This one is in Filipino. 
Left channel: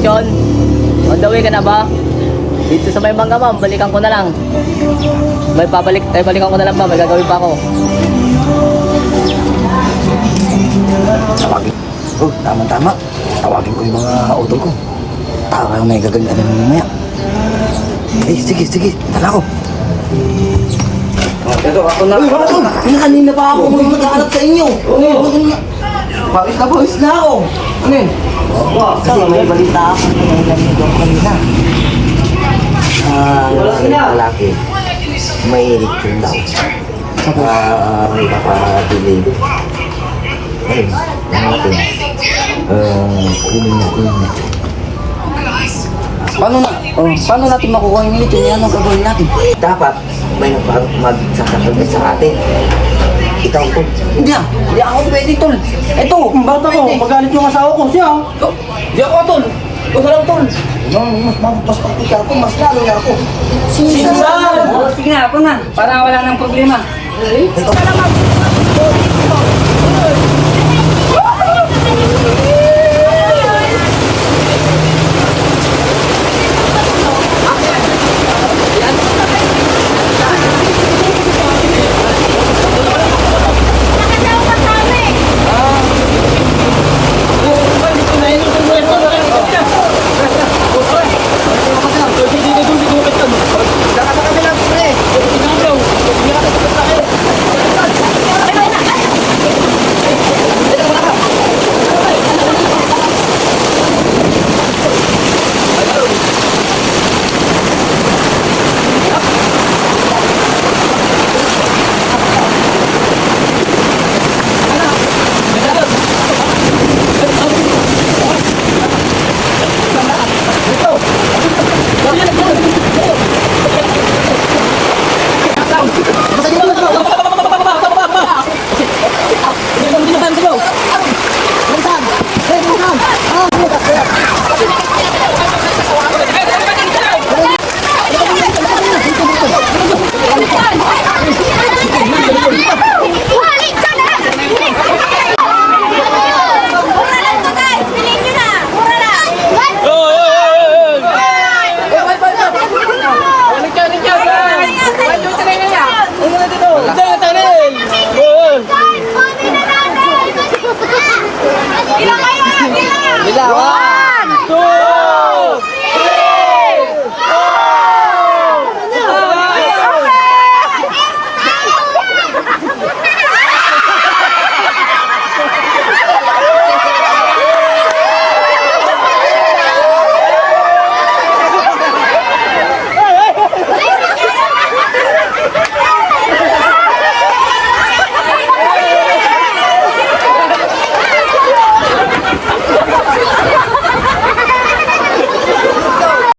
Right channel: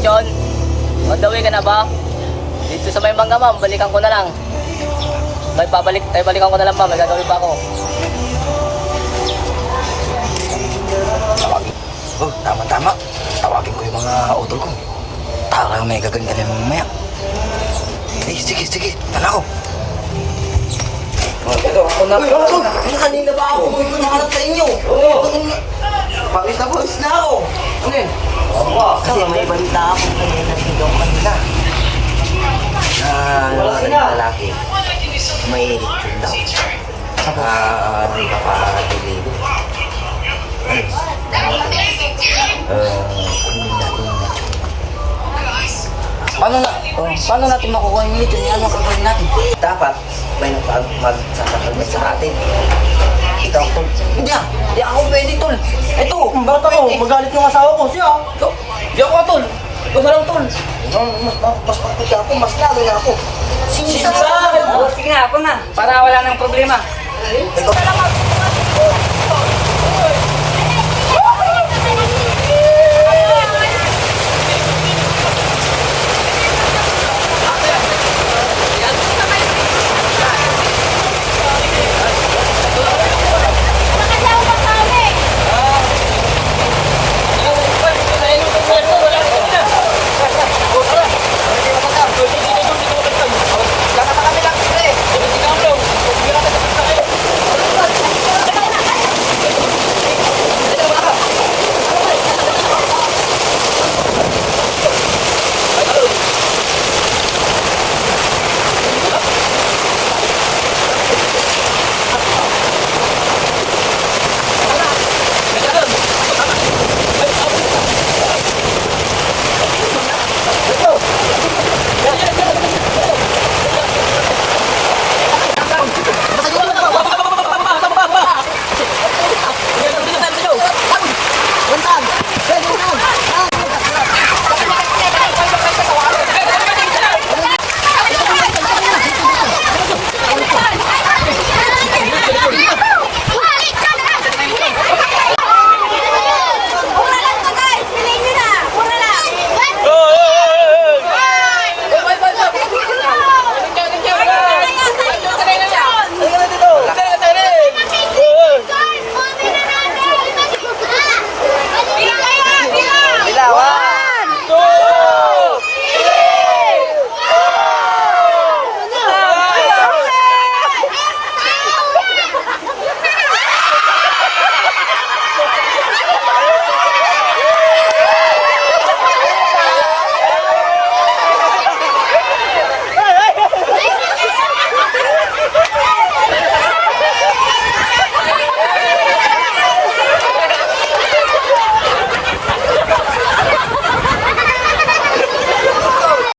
lechon. On the way ka na ba? Dito sa may mangga ma'am, balikan ko na lang. Balikan ko na lang ma'am, may gagawin pa ako. Oh, tama-tama. Tawagin ko yung mga utol ko. Para may gagawin na mamaya. Sige. Tala ko. Uy, kanina pa ako naghahanap sa inyo. Bakit na bawis na ako? Ano yun? Kasi may balita ako na may ganito kanina. Lalaki, may lechon daw. May papadili. Eh, natin. Kunin natin yung lechon. Paano natin makukuha yung lechon? Anong gagawin natin? Dapat may magsakatagay sa atin. Ikaw, tol. Hindi ako pwede, tol. Ito, bata ko, magalit yung asawa ko. Siya, Di ako, tol. Huwag ka lang, tol. Mas pagkita ko, mas lalo na ako. Sige na, ako na. Para wala nang problema.